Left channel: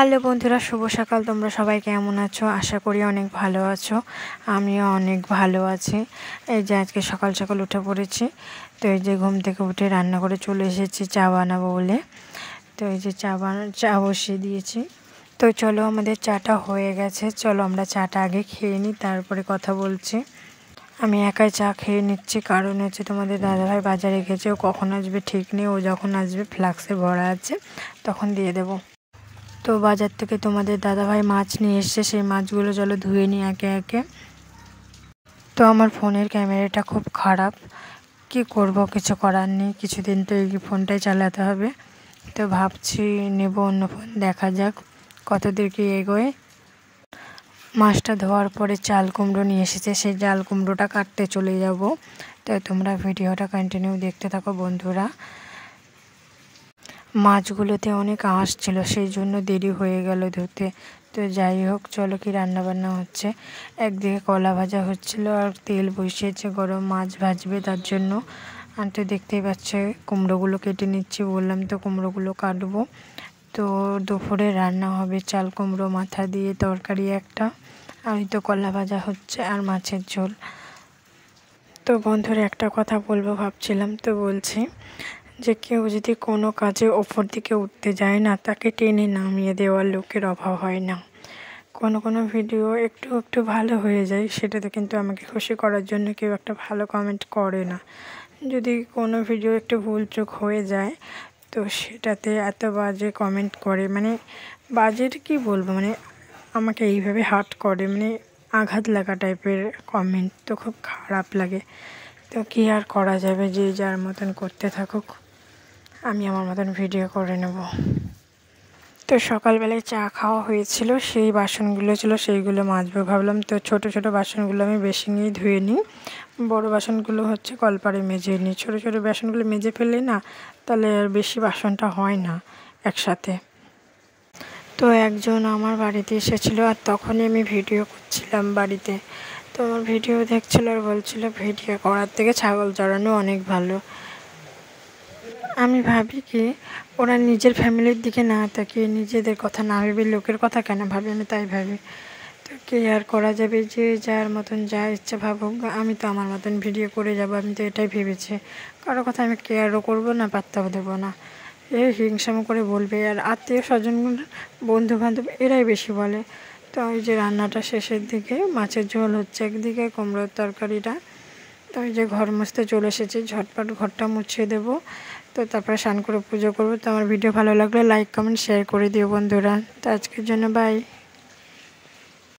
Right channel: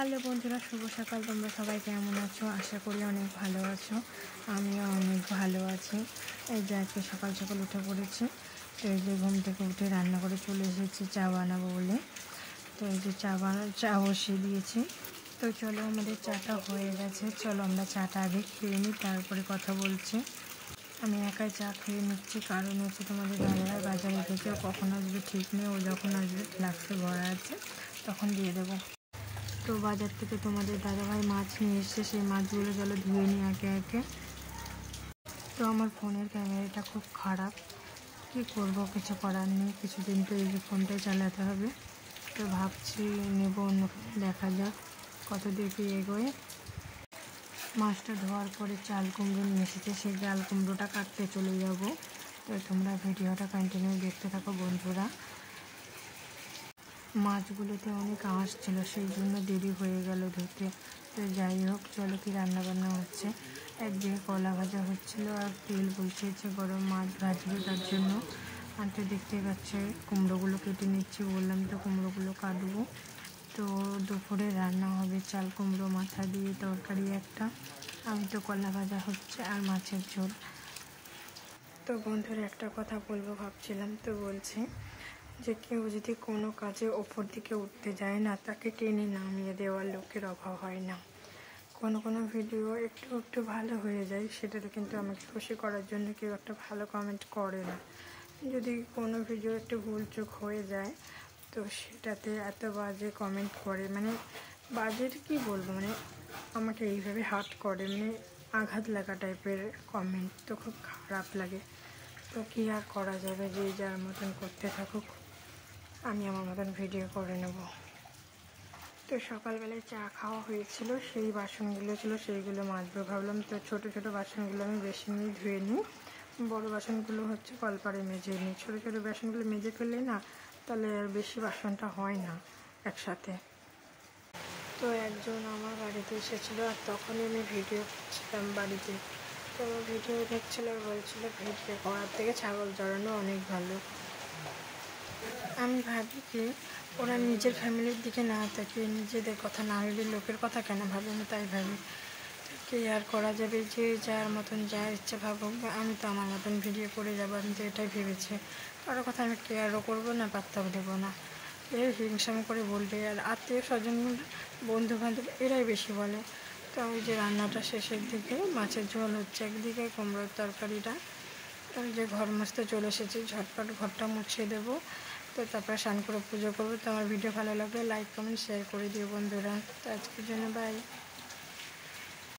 Hello বন্ধুরা, শুভ সকাল। তোমরা সবাই কেমন আছো? আশা করি অনেক ভালো আছো। আমিও অনেক ভালো আছি। এই যে আজকে সকাল সকাল উঠে পড়েছি। তো এই যে ঘুম থেকে উঠে রান্না করে চলে এসেছি চা বানাবো বলে। তো এই যে চা বসিয়ে দিয়েছি। তো চলো, আমাদের চাটা হয়ে গেছে। চলো আমরা চাটা আগে খেয়ে নিই, তারপরে কথা বলছি। আমি একাই চা খেয়ে নিচ্ছি, কারণ হচ্ছে তোমাদের দাদাভাই বাজারে গেছে। ও কখন আসবে ঠিক নেই। ও যখন আসবে ফ্লাক্সে ভরা আছে, তখন দিয়ে দেবো। তো বাজার থেকে তোমাদের দাদাভাই মাছ নিয়ে এসছে। সেই মাছগুলো চলো ধুয়ে নিই একে একে। তো আমার ফোনের ক্যামেরাটা খুব খারাপ, কি করব, কিছু করার নেই। কিছুদিন তো এই ফোনটাই চালাতে হবে। তো ভাবছি নেব অন্য ফোন, দেখা যাক কতদূর কি এগোয়। মাছটা ধোয়ার পরে চাল কুমড়ো নিয়ে এসেছে, সেই চাল কুমড়োটা কাটতে চলে যাব। তো তোমরা ভিডিওটা কন্টিনিউ দেখতে থাকো বন্ধুরা। মাছগুলোতে অনেক আঁশ ছিল, সেই জন্য দেরি হয়ে গেল ধুতে। তো যাই হোক, চলো কি রান্নাবান্না হচ্ছে। একদিকে কলা ভাজা হচ্ছিল আর তেল বসিয়েছে গরম, মাছ ভাজবে তার জন্য। আর তো দেখতেই পাচ্ছে কুমড়োগুলো কেটে নিচ্ছি, বললাম তো কুমড়োগুলো কাটবো। তো দুপুরে রান্না হবে চাল কুমড়ো মাথা দিয়ে তরকারি একটা, আর তো কলা ভাজা হচ্ছে আর মাছের ঝোল। তো বন্ধুরা, একটা কথা বলবো ভাবছিলাম, তো বলছি যে কেউ যদি কোনো কাজে ওপর দিকে উঠতে যায় না, তাকে টেনে নামিয়ে দেওয়ার লোকের অভাব হয় না। কোনো ভিডিও একটু একটু ভালো হয়ে যায়, সেটাতে কিন্তু আমাকে খুশি করার জন্য কেউ একটা ভালো কমেন্ট করে না। যদি কোনো ভিডিও একটু ভুলচুক হয়ে যায়, তো সেটাতে এত বাজে কমেন্ট করে, মানে বাজের কি বলবো, মানে আমাকে এইভাবে হার্ট করে, মানে আঘাত লাগা টাইপের কমেন্ট। তো খুব খারাপ লাগে। তো কী আর করা যাবে, যে যার মতন করতে থাকুক, আমি আমার মতন ভিডিও করে নেব। তো সকালবেলায় চা খাওয়া হয়েছিল, সেই বাসনগুলো ছিল, সেইগুলো মাজবো ভাবলাম। তো ছোট ছোট বাসনগুলো আমি বেসিনেই ধুয়ে নিই, বড় বাসনগুলো হচ্ছে কলপারে মেজে নিই। ছোট ছোট বাসনগুলো মেজে ফেললে না, তাহলে আর বেশি বাসনটা হয় না একসাথে। তো একজন আমার বাড়িতে এসেছিলো, আর তখনই আমি ভিডিও করছিলাম বাড়িতে। তো আমার ভিডিও দেখছিল আর বলছিল ভিডিও করার থেকে ছাগল চড়ানো অনেক ভালো। আমি ভাবি কি, ওরা নিজের ফ্যামিলির দিকে না তাকিয়ে নিজেদের কথা না ভেবে লোকের কথা কেন ভাবে, আমি তাই ভাবি। তো কে আর করা যাবে, যে যার মতন যা ইচ্ছা ভাবুক, আমি তো আমার মতন ভিডিও করে যাব। আমি তো এটাই ভেবেছি, কারো কথা আমি কেয়ারও করবো না, পাত্তাও দেবো না। এ হিংসাম করে বলবে, আর আত্মীয় স্বজন বন্ধু বান্ধব এরাই বেশি বলে। তো ওই যে রান্নাটা শেষের দিকে, মাছের ঝোল হচ্ছে একদিকে, কুমড়োর তরকারিটা। তো ওই যে ঘর মুছতে চলে এসেছি, ঝটপট ঘরটা মুছিয়ে দেবো। তো তারপরে স্নান করে পুজো করবো। তো আমার ভিডিও ভালো লাগলে লাইক কমেন্ট শেয়ার করে দিও বন্ধুরা। তো আজকের জন্য বাই।